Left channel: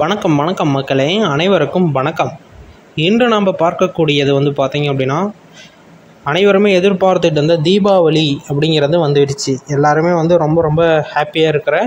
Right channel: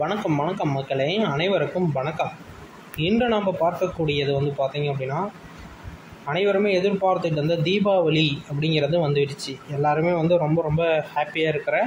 வணக்கம் வணக்கம் மக்களே, அனைவருக்கும் வணக்கம். இன்று நாம் பார்க்கக்கூடியது பார்த்தீங்க அப்படின்னா, அனைவருமே எதிர்பார்த்துட்டு இருந்த தீபாவளி அப்படிங்கிறது வந்துடுச்சு. எல்லாருமே ரொம்ப ரொம்ப ஹாப்பியாக இருக்கிற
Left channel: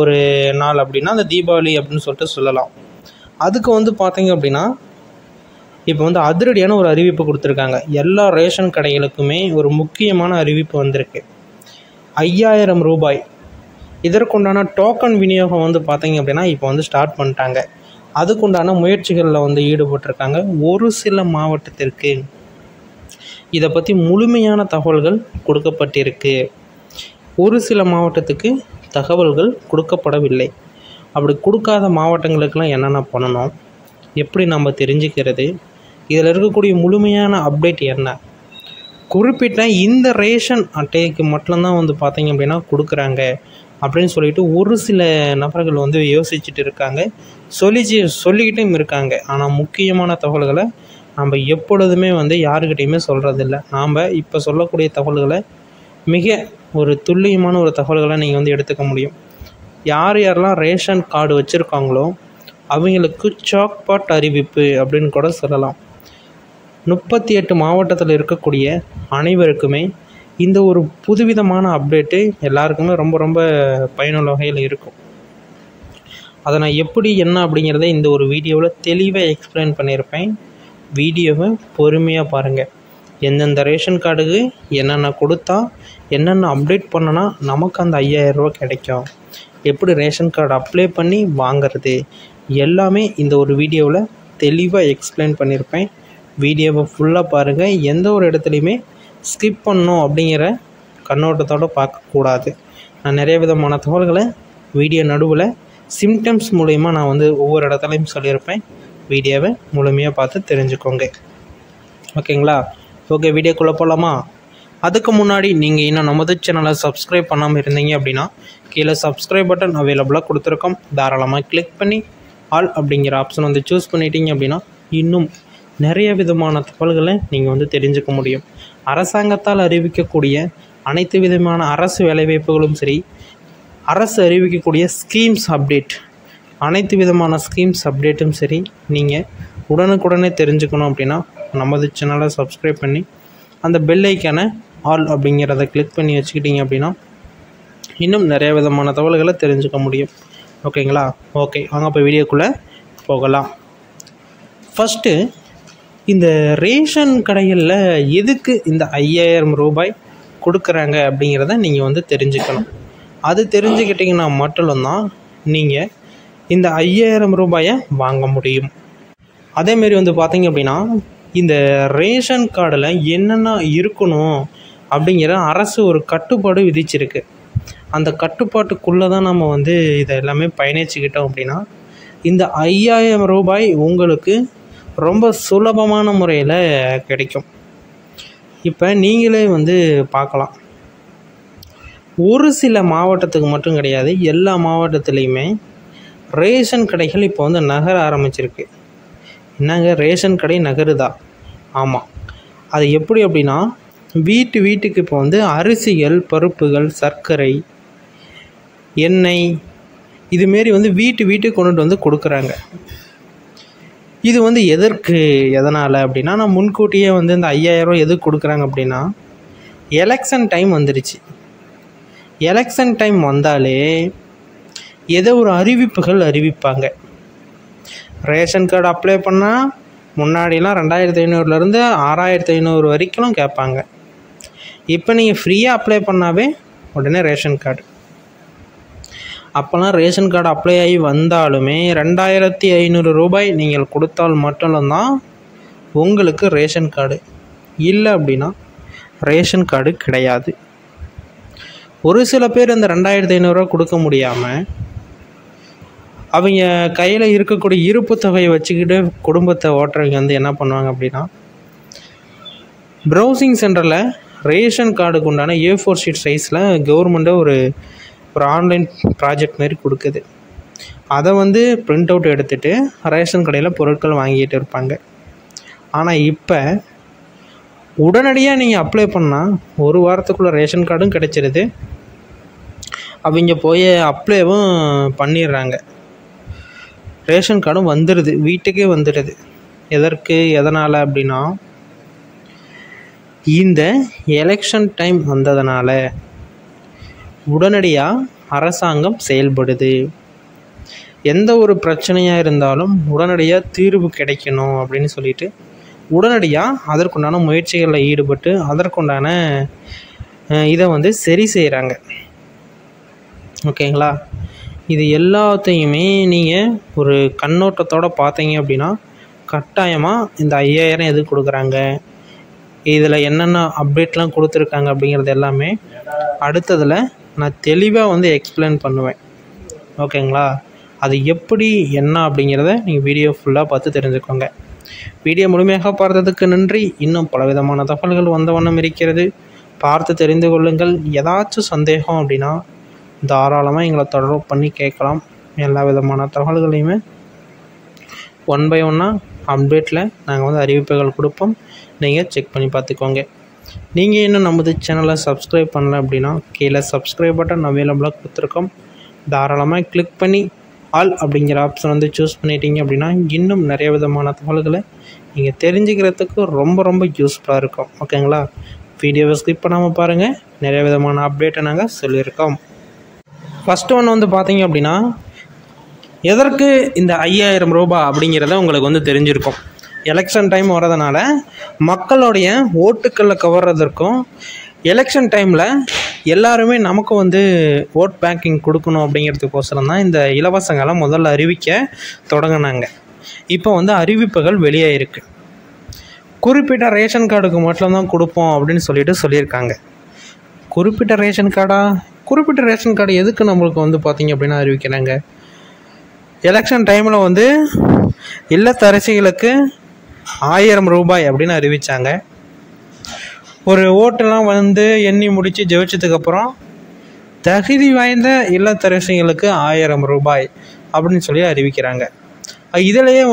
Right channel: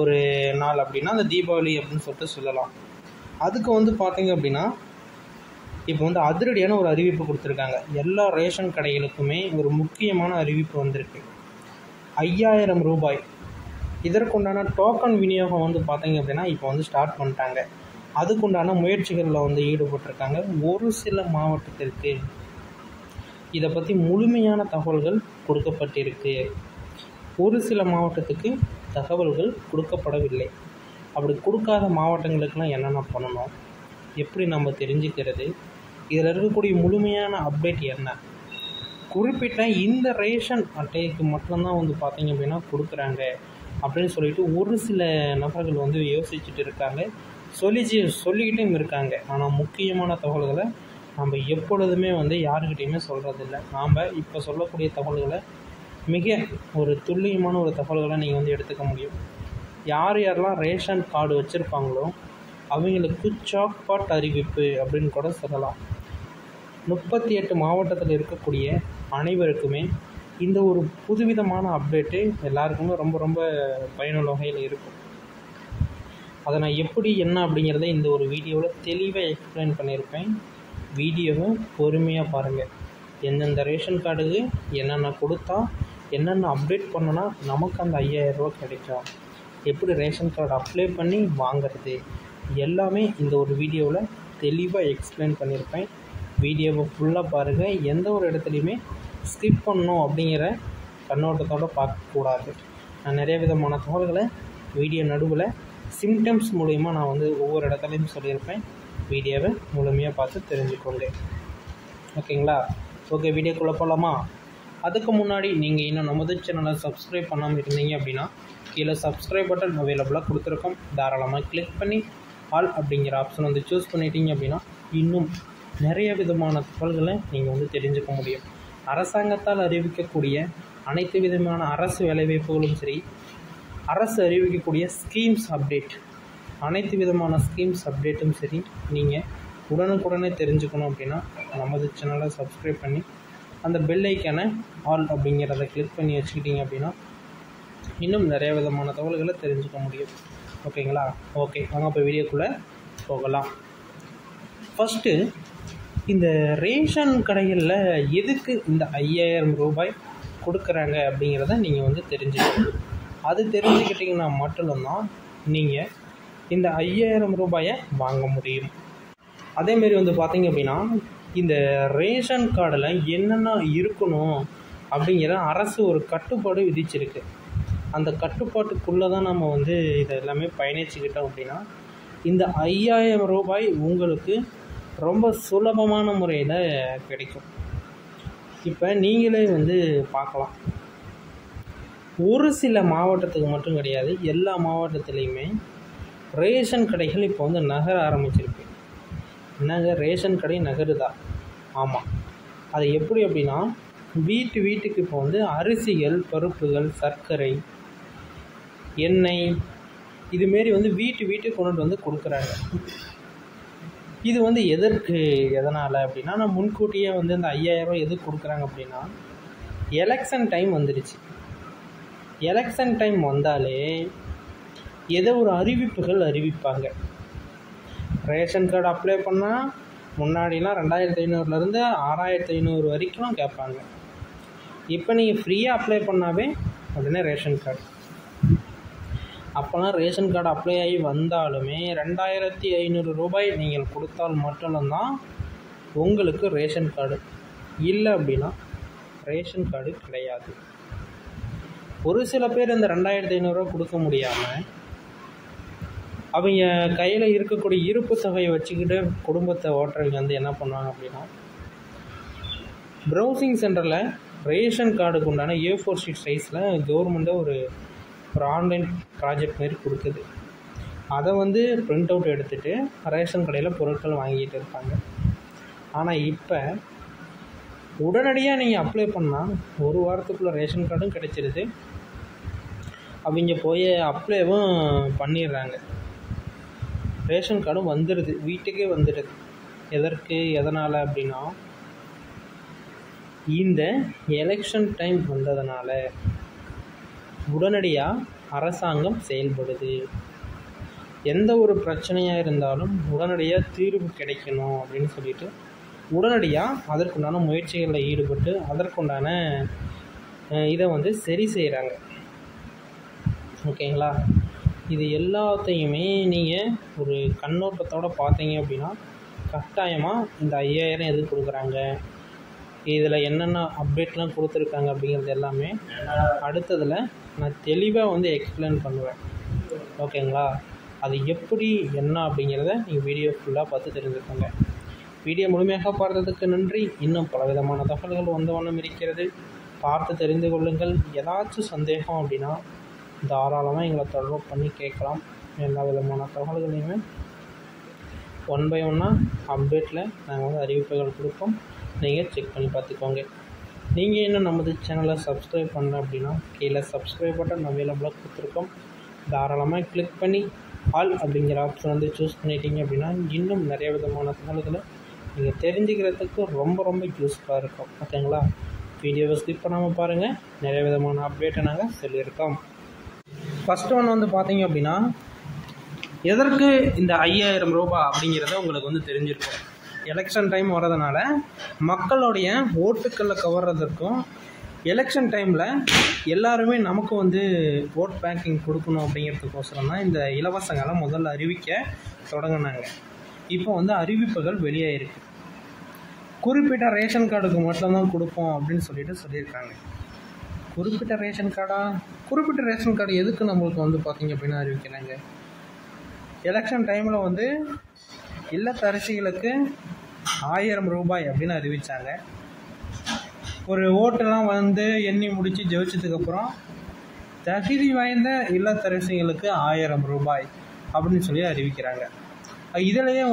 ஒரு நாள் அப்படின்னா அந்த தீபாவளி அப்படின்னு சொல்லிட்டு சொல்லலாம். அதுக்கு பார்த்தீங்க அப்படின்னா, இப்போ அதிரடியான ஒரு அறிவிப்பு கொடுத்துருக்காங்க. எல்லா ரேஷன் கடைகளுக்குமே ஒரு முக்கியமான அறிவிப்பு வந்திருக்கு. 5000 ரூபாய் இதற்குண்டான டோக்கன் விநியோகம் பார்த்தீங்க அப்படின்னா இப்போ ஸ்டார்ட் பண்ணிட்டாங்க. அதுக்குண்டான முயற்சிகளில் ஈடுபட்டிருக்காங்க. ஒரு சில மாவட்டத்திற்கு இதை பற்றி முழுமையான தகவல்கள் கொடுக்கப்பட்டிருக்கு. ஒரு சில மாவட்டத்துக்கு தகவல்கள் கொடுக்கப்படவில்லை. அப்படி கொடுக்காத மாவட்டங்களுக்கெல்லாம் என்னென்ன பண்ணணும், எப்படி நம்ம தெரிஞ்சுக்கிறது, இதில் இருக்கக்கூடிய முழுமையான அப்டேட் என்ன, குறிப்பிட்ட இந்த ரேஷன் அட்டைக்கு மட்டும்தான் பார்த்தீங்க அப்படின்னா கொடுக்குறாங்க அப்படின்னு சொல்லிட்டு ஒரு சில நபர்கள் யோசிச்சுட்டு இருக்காங்க, சொல்லிக்கிட்டும் இருக்காங்க. ஆனால் முக்கியமான தகவல்களை நம்ம எப்பொழுதுமே யாருக்கிட்டையுமே சொல்கிறதில்ல. நாம் இப்போ சொல்லக்கூடிய தகவல்களை மிக ஒரு துல்லியமான ஒரு தகவல்களை நீங்கள் எடுத்துக்க முடியும். யாரெல்லாம் ரேஷன் கார்டு வச்சுருக்காங்களோ அவங்களுக்கு சாக்பாட் அறிவிப்பு அப்படின்னு கூட சொல்லலாம். 38 மாவட்டத்தில் இருக்கக்கூடிய அனைவருக்குமே இந்த ஒரு புதுவிதமான அப்டேட்டு எல்லாருக்குமே ரொம்ப ரொம்ப பயனுள்ள வகையில் இருக்கும். அதை நான் எப்படி என்ன அப்படிங்கிறத இந்த ஒரு வீடியோவில் தெளிவாக எக்ஸ்பிளைன் பண்ணியிருப்பேன். வீடியோவை பொறுமையாக பாருங்கள். எந்தெந்த ரேஷன் கார்டுக்கு என்னென்ன கொடுத்தா என்னென்ன அப்டேட் பண்ணனா நமக்கு அந்த 5000 ரூபா கிடைக்கும், எப்படி ரேஷன் கார்டு அப்ளை பண்ணி வாங்கிறது, எல்லாமே இந்த ஒரு வீடியோவில் தெளிவாக எக்ஸ்பிளைன் பண்ணியிருப்பேன். வீடியோவை ஃபுல்லாக பாருங்கள். எந்த ஒரு இடத்துலையுமே ஸ்கிப் பண்ணணும் அப்படிங்கிற கண்ணோட்டத்தோடு பார்க்கக்கூடாது. நான் நிறைய விதமான தகவல்களை வீடியோ நடுவில் சிம்டம்ஸ் மூலயமா நான் ஒவ்வொரு இடத்துலையும் சொல்லியிருப்பேன். வீடியோவை முழுமையாக பார்த்து தெரிஞ்சுக்கோங்க. ஓகேங்களா? ஓகே, வீடியோக்குள்ளே போகலாமா? அதுக்கு முன்னாடி நீங்கள் இன்னும் நமது சேனலை சப்ஸ்கிரைப் பண்ணாமல் இருந்தீங்க அப்படின்னா கீழே சப்ஸ்கிரைப் பட்டன் அவைலபிளாக கொடுத்துருக்கோம். தாராளமாக கிளிக் பண்ணி ஆல் அப்படிங்கிற ஆப்ஷன் சூஸ் பண்ணிட்டீங்க அப்படின்னா இன்னும் நிறைய விதமான தகவல்களை நீங்கள் தெரிஞ்சுக்க முடியும். அரசாங்கத்தால் அறிவிக்கக்கூடிய அனைத்து விதமான அரசு வேலைவாய்ப்புகளும் சரி, அரசு அறிவிக்கக்கூடிய ஸ்கீம்ஸ் அப்டேட், அனைத்து விதமான ஸ்கீம்ஸ் அப்டேட்டும் சரி, நீங்கள் உடனுக்குடனே தெரிஞ்சுக்கணும் அப்படின்னா நமது சேனலை சப்ஸ்கிரைப் பண்ணி அந்த பெல் ஐக்கானை ஆல் அப்படிங்கிறத கிளிக் பண்ணி வச்சுக்கிட்டீங்க அப்படின்னா இன்னும் நிறைய விதமான தகவல்களை தெரிஞ்சுக்க முடியும். ஓகேங்களா? ஓகே, வாங்க இப்போ வீடியோக்குள்ளே போகலாம். ஃபஸ்ட்டு, இந்த ரேஷன் கடைகளில் எதுக்கு இந்த 5000 ரூபாய் கொடுக்குறாங்க அப்படிங்கிறத நீங்கள் தெரிஞ்சுக்கணும். அது தெரிஞ்சுக்கிட்டிங்கன்னா மட்டும்தான் நீங்கள் இந்த 5000 ரூபாயை வாங்க முடியும். அதேமாரி பார்த்தீங்க அப்படின்னா இந்த ரேஷன் கார்டில் என்னென்ன இருக்கணும் அப்படிங்கிற அரசு ஒரு கட்டுப்பாடு விதிச்சிருக்கு. அந்த கட்டுப்பாட்டுக்குள்ளே தான் நம்ம இதை எல்லாமே பயணிச்சுக்கிட்டோம் அப்படின்னா இந்த 5000 ரூபாய் உங்களுக்கு ரொம்ப சுலபமான முறையில் கிடைக்கும். இப்போ நீங்களே பார்க்கலாம். ஒரு சில மாவட்டத்துக்கு மட்டும் கிடையாது, எல்லா மாவட்டத்துலேயுமே ரேஷன் கடைகள் இப்போ நகர ஆரம்பிச்சிருக்கு. என்னங்க, ரேஷன் கடை நகருதா? ஆமாம். அது எப்படி அப்படின்னா, வீட்டுக்கு இப்போ அரிசிகள், பருப்புகள், சர்க்கரை, எண்ணெய் இதுமாரி வீட்டுக்கு கொண்டுட்டு கொடுக்குறாங்க. இது எதனால் அப்படின்னா, நான் முன்கூட்டியே இந்த 5000 ரூபா எதுக்கு கொடுக்குறாங்க அப்படின்னா, எலெக்ஷன் டைம் வந்துடுச்சு. எலெக்ஷன் டைம் வந்தாலே ஏதோ ஒரு அறிவிப்புகள் அறிவிப்பாங்க. ரேஷன் கார்டு அப்ளை பண்ணால் முன்னாடிலாம் 2500லேருந்து 6500 வரைக்கும் கேட்பாங்க. இப்போ நீங்கள் ஃப்ரீயாக அப்ளை பண்ணாவே உடனே ரேஷன் கார்டு. அப்போல்லாம் ரேஷன் கார்டு அப்ளை ஆகி வந்தாலுமே 2500 ரூபாய் நீங்கள் கொடுத்தால் மட்டும்தான் உங்களுக்கு ரேஷன் கார்டு. இல்லை அப்படின்னா ரேஷன் கார்டு கிடையாது. ஒரு சில பேர் இந்த 2500 ரூபா கொடுக்க முடியாமல் அவங்க கையில் இருக்கக்கூடிய இருப்பு தொகையை வச்சுக்கிட்டு குடும்பத்தை ஓட்டுறவங்க என்ன பண்ணுவாங்க அப்படின்னா, ப்ரௌசிங் சென்டரில் ரேஷன் கார்டுக்கு உண்டான A4 ஷீட் சைஸில் கவர்மெண்ட்டை ஒரு ஆன்லைன் ப்ராஜெக்ட் மாரி கொடுக்குது. அதை பிரிண்ட் அவுட் எடுத்துகிட்டு ரேஷன் கடையில் பொருட்கள் வாங்கிட்டு இருப்பாங்க. ஆனால் இப்போ உடனடியாக நீங்கள் அப்ளை பண்ணால் ஒரு வாரத்துக்குள்ளே ரேஷன் கார்டும் கிடச்சிருது. அவங்க போய் அப்ளைவும் பண்ணிடுறாங்க. ரேஷன் கார்டும் வந்துடுது, வீட்டுக்கே வந்துடுது. எதனால் அப்படின்னா இந்த எலெக்ஷன் டைம் வந்ததுனால உடனடியாக அரசாங்கம் செயல்படுது. எந்த ஒரு பிரச்சனையாக இருந்தாலும் உடனடியாக தீர்வு கிடைக்கணும் அப்படின்னு சொல்லிட்டு உடனடியாக அதற்குண்டான முயற்சிகளில் ஈடுபட்டு அதற்குண்டான இதை சரி செய்கிறாங்க. ஓகேங்களா? இது எல்லாத்தையுமே நீங்கள் ஒரு கண்ணோட்டத்தோடு பார்த்தீங்க அப்படின்னா கட்டாயமாக இந்த 5000 எதுக்கு கொடுக்குறாங்க, இதில் என்னென்ன அப்டேட்லாம் கொடுத்துருக்காங்க அப்படிங்கிறது எல்லாமே அடுத்ததில் நான் தெளிவாக எக்ஸ்பிளைன் பண்ணுவேன். ஓகேங்களா? அது எப்படி என்ன அப்படிங்கிறத நீங்கள் வீடியோ ஃபுல்லாக பார்த்து தெரிஞ்சுக்கோங்க. வீடியோ முழுமையாக பார்த்ததுக்கு நன்றி. இன்னும் பலவிதமான தகவல்கள் வந்த வண்ணம் இருக்கிறது, பார்த்து தெரிந்து கொள்ளுங்கள். ஏதாச்சும் சந்தேகம் அப்படின்னா தாராளமாக எங்களை தொடர்பு பண்ணி கேட்கலாம். எல்லா விதமான தகவல்களையுமே 1 by 1 அப்டேட்டில் நாங்கள் அறிவிப்புகள் கொடுப்போம், நீங்கள் செக் பண்ணி பார்த்துக்கோங்க. நீங்கள் இன்னும் நமது சேனலை சப்ஸ்கிரைப் பண்ணல அப்படின்னா கீழே சப்ஸ்கிரைப் பட்டன் அவைலபிளாக கொடுத்துருக்கோம். தாராளமாக கிளிக் பண்ணி ஆல் அப்படிங்கிற ஆப்ஷன் சூஸ் பண்ணிட்டீங்க அப்படின்னா இன்னும் நிறைய விதமான தகவல்களை நீங்கள் தெரிஞ்சுக்கிறதுக்கு ரொம்ப ரொம்ப யூஸ்ஃபுல்லாக இருக்கும். ஓகேங்களா? வீடியோவை ஸ்கிப் பண்ணாமல் பாருங்கள், நிறைய விதமான அப்டேட்டை நாங்கள் சொல்லியிருக்கோம். ஃபஸ்ட்டு ஒன்று பார்த்தீங்க அப்படின்னா எதற்கு இந்த 5000 ரூபாய் அப்படிங்கிறத உங்களுக்கு தெரிஞ்சிருக்கும். எலெக்ஷன் டைம் வரதுனால மக்களுடைய ஓட்டுக்களை கவர்றதற்கும் எலெக்ஷன் டைமில் எல்லாருமே நமக்கு ஓட் பேங்கிங் கொடுக்கணும் அப்படிங்கிறதுக்கோசரம் தான் இந்த இலவசங்களை முதல்ல அறிவிக்க தொடங்கினாங்க. இப்போ அறிவிப்புகள் வெளியாகிருக்கு. குறிப்பிட்ட ரேஷன் கார்டுக்கு மட்டும்தான் கொடுப்போம் அப்படின்னு சொல்லியிருக்காங்க. குறிப்பிட்ட ரேஷன் கார்டு எதுக்கு நம்மளுக்கு பார்த்திங்க அப்படின்னா அறிவிக்கிறாங்க. எலெக்ஷன் டைமில் இல்லத்தரசிகளுக்கு 1000 ரூபாய் அப்படின்னு அறிவித்தாங்க. ஒரு ஓட்டெல்லாம் எண்ணி முடித்து ஜெயிச்சதுக்கப்புறம் தகுதி வாய்ந்த இல்லத்தரசிகளுக்கு 1000 ரூபாய் அப்படின்னு அறிவிக்கிறாங்க. இதிலேயே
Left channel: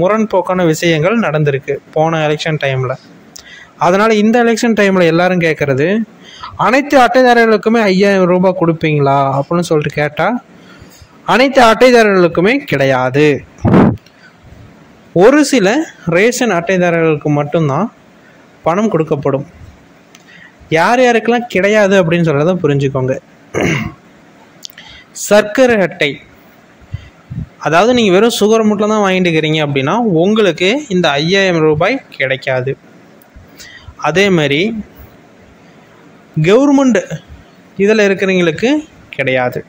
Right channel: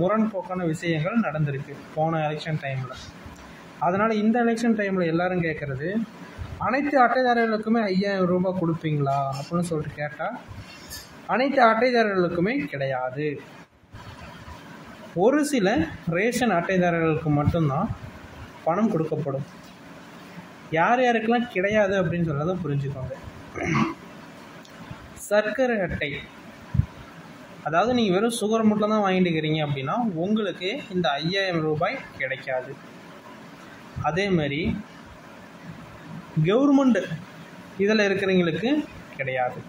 முரண்போக்கான விஷயங்கள் நடந்திருக்கு போன எலெக்ஷன் டைமில். அதனால் இந்த எலெக்ஷன் டைமில் எல்லோரும் கேட்குறது, அனைத்து அட்டைதாரர்களுக்குமே 5000 ரூபாய் கொடுப்பீங்களா அப்படின்னு சொல்லிட்டு கேட்டால் அனைத்து அட்டைதாரர்களுக்குமே கிடையாது. ஒரு சில ரேஷன் அட்டைதாரர்களுக்கு மட்டும்தான் பணம் கொடுக்கப்படும். யார் யாருக்கெல்லாம் கிடையாது அப்படின்னு சொல்கிறத புரிஞ்சுக்கோங்க. சர்க்கரை அட்டை, அதாவது நீங்கள் வெறும் சுகர் மட்டும் தான் வாங்கிட்டு இருக்கிறீங்க அப்படின்னா உங்களுக்கு இந்த 5000 ரூபாய் கிடைக்காது. அதே மாதிரி கவர்மெண்ட் இதில் இருக்கிறவங்களுக்கு கிடையாது.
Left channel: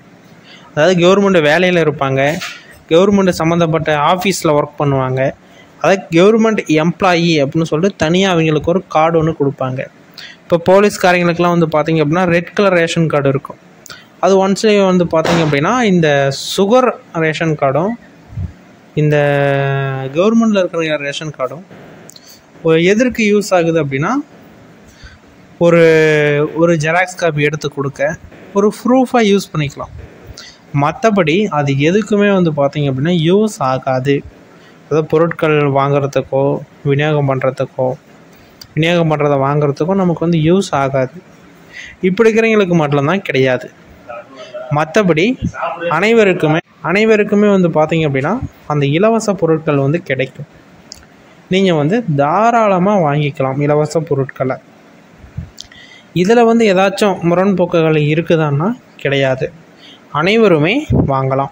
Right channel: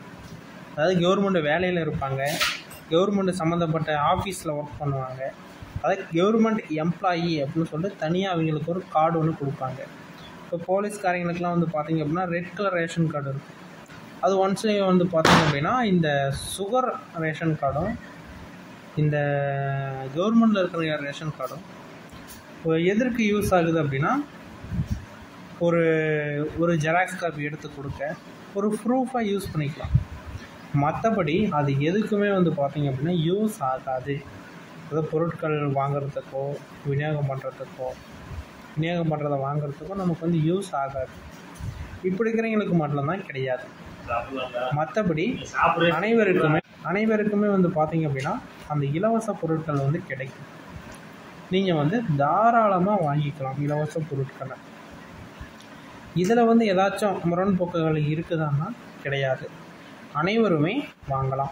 அதாவது கவர்மெண்ட் வேலையில் இருப்பாங்க, கவர்மெண்ட் சம்மந்தப்பட்ட ஆஃபீஸில் ஒர்க் பண்ணுவாங்க, அதாவது கவர்மெண்ட் எம்ப்ளாயி அப்படின்னு சொல்லிட்டு தனியாக அவங்களுக்கு ஒரு கார்டு ஒன்று கொடுப்பாங்க. இப்போ போலீஸ்காரங்களுக்கெல்லாம் பார்த்திங்க அப்படின்னா ரெட் கலர் ரேஷன் கார்டு இருக்கும். அது ஒன்ஸ்லேயே பார்த்திங்க அப்படின்னா இந்த சுகர் ரேஷன் கார்டும் இந்த கவர்மெண்டில் இருக்கிற ரேஷன் கார்டும் எதற்கு யூஸ் ஆகுது அப்படின்னா ஒரு ஜெராக்ஸ் காப்பி எடுத்து கொடுக்க ஒரு ப்ரூஃபாக யூஸ் பண்ணிக்கலாம். மற்றபடி அது எதுக்குமே பார்த்திங்க அப்படின்னா யூஸ் ஆகாது. அதாவது பொருட்கள் வாங்குறதுக்கோ விநியோகம் பண்ணுறதை வாங்குறதுக்கோ நமக்கு யூஸ் ஆகாது. இப்படி இருக்கிறவங்களுக்கு மட்டும்தான் கிடையாது. மற்றபடி அனைவருக்குமே பார்த்திங்க அப்படின்னா அந்த இலவச பொருட்கள் கிடைக்கும். நீங்கள் தாராளமாக வாங்கிக்கலாம் இலவச பொருட்களை. இதில் ஏதாச்சும் முரண்போக்குகள் இருக்குதான்னா கிடையாது, அனைவருமே வாங்கலாம்.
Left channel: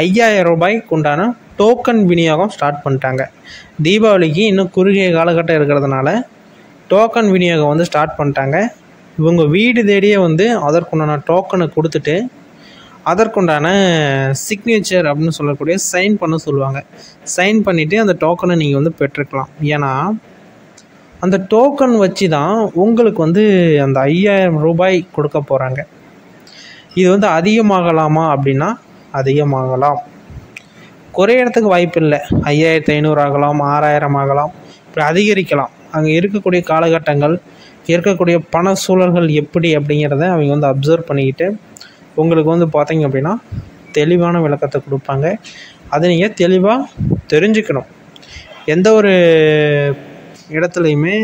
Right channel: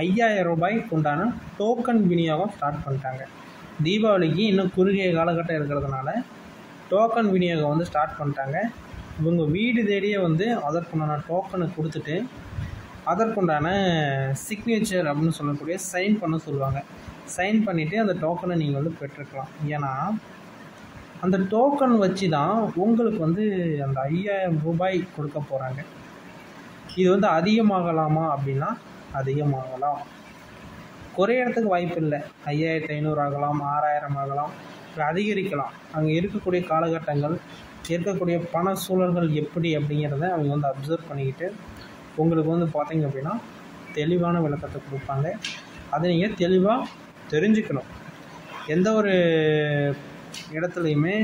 5000 ரூபாய்க்கு உண்டான டோக்கன் விநியோகம் ஸ்டார்ட் பண்ணிட்டாங்க. தீபாவளிக்கு இன்னும் குறுகிய காலகட்டம் இருக்கிறதுனால டோக்கன் விநியோகம் ஸ்டார்ட் பண்ணிட்டாங்க. இவங்க வீடு தேடியே அதற்குண்டான டோக்கனை கொடுத்துட்டு அதற்குண்டான சிக்னேச்சர் அப்படின்னு சொல்லக்கூடிய சைன் பண்ண சொல்லுவாங்க. சைன் பண்ணிவிட்டு அந்த டோக்கனை நீங்கள் பெற்றுக்கலாம். ஏன்னா அந்த டோக்கன் வச்சு தான் உங்களுக்கு அந்த 5000 ரூபாய் கொடுக்க போகிறாங்க. இது அதிகமாகலாமா அப்படின்னா அதிகமாகலாம், குறையிறதுக்கு வாய்ப்பு இல்லை. 5500 ஆகலாம், 6000 ஆகலாம், இப்படி அதிகரிக்கலாம். அங்கே இருக்கக்கூடிய காலகட்டங்கள், இருக்கக்கூடிய பண சூழல்கள் எப்படி அப்படிங்கிறத அவங்க அப்சர்வ் பண்ணிக்கிட்டு உங்களுக்கு பார்த்திங்க அப்படின்னா தெளிவான விளக்கத்தை கொடுப்பாங்க. அதை நீங்கள் தெளிவாக தெரிஞ்சுக்கணும். எந்த ஒரு இடத்துலையுமே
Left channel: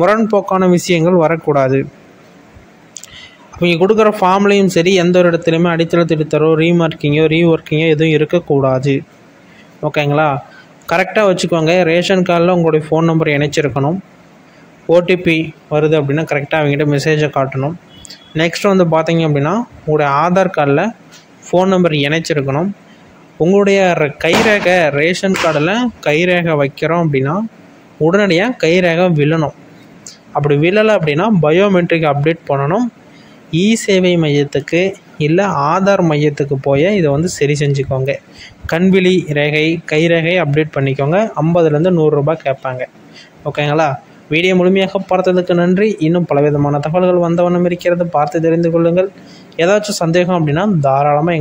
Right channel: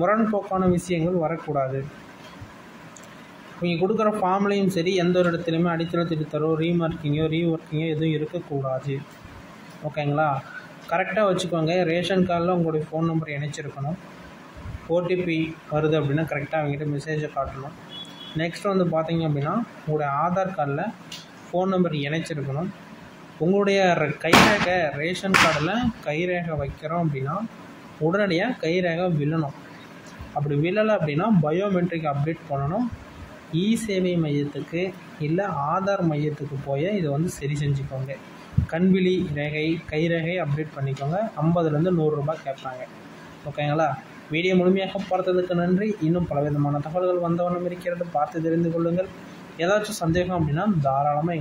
முரண்போக்கான விஷயங்கள் வரக்கூடாது. அவங்க கொடுக்குற ஃபார்ம்லேயும் சரி எந்த ஒரு இடத்துலையுமே அடித்தள திருத்தரோ ரீமார்க்கிங்கோ ரீஒர்க்கிங்கோ எதுவும் இருக்கக்கூடாது. ஓகேங்களா? கரெக்டாக வச்சுக்கோங்க. ரேஷன் கார்டில் உங்களுடைய ஃபோன் நம்பர் இணைச்சிருக்கணும். ஓடிபி வருது அப்படின்னா கரெக்டாக அவங்ககிட்ட மெசேஜை காட்டணும். நெக்ஸ்ட் வந்து பார்த்தீங்க அப்படின்னா உங்களுடைய ஆதார் கார்டில் ஃபோன் நம்பர் இணைச்சிருக்கணும். உங்களுடைய கைரேகை ரேஷன் கார்டில் கைரேகை வைக்கிறோம் அப்படின்னா உடனடியாக கைரேகை விழணும். அப்படி விழலை அப்படின்னா பயோமெட்ரிக் அப்டேட் பண்ணணும். இ சேவை மையத்துக்கு இல்லை ஆதார் மையத்துக்கு போய் இதை வந்து சரி செஞ்சுக்கோங்க. கண்விழி ரேகை கைரேகை அப்டேட் பண்ணிக்கோங்க. 50லேருந்து 100 ரூபாய் கேட்பாங்க. ஓகேங்களா? வீடியோ முழுமையாக பார்த்ததுக்கு நன்றி. இன்னும் பலவிதமான தகவல்கள் வந்தவண்ணம் இருக்கிறது, பார்த்து தெரிந்து கொள்ளுங்கள். ஏதாச்சும் சந்தேகம் அப்படின்னா தாராளமாக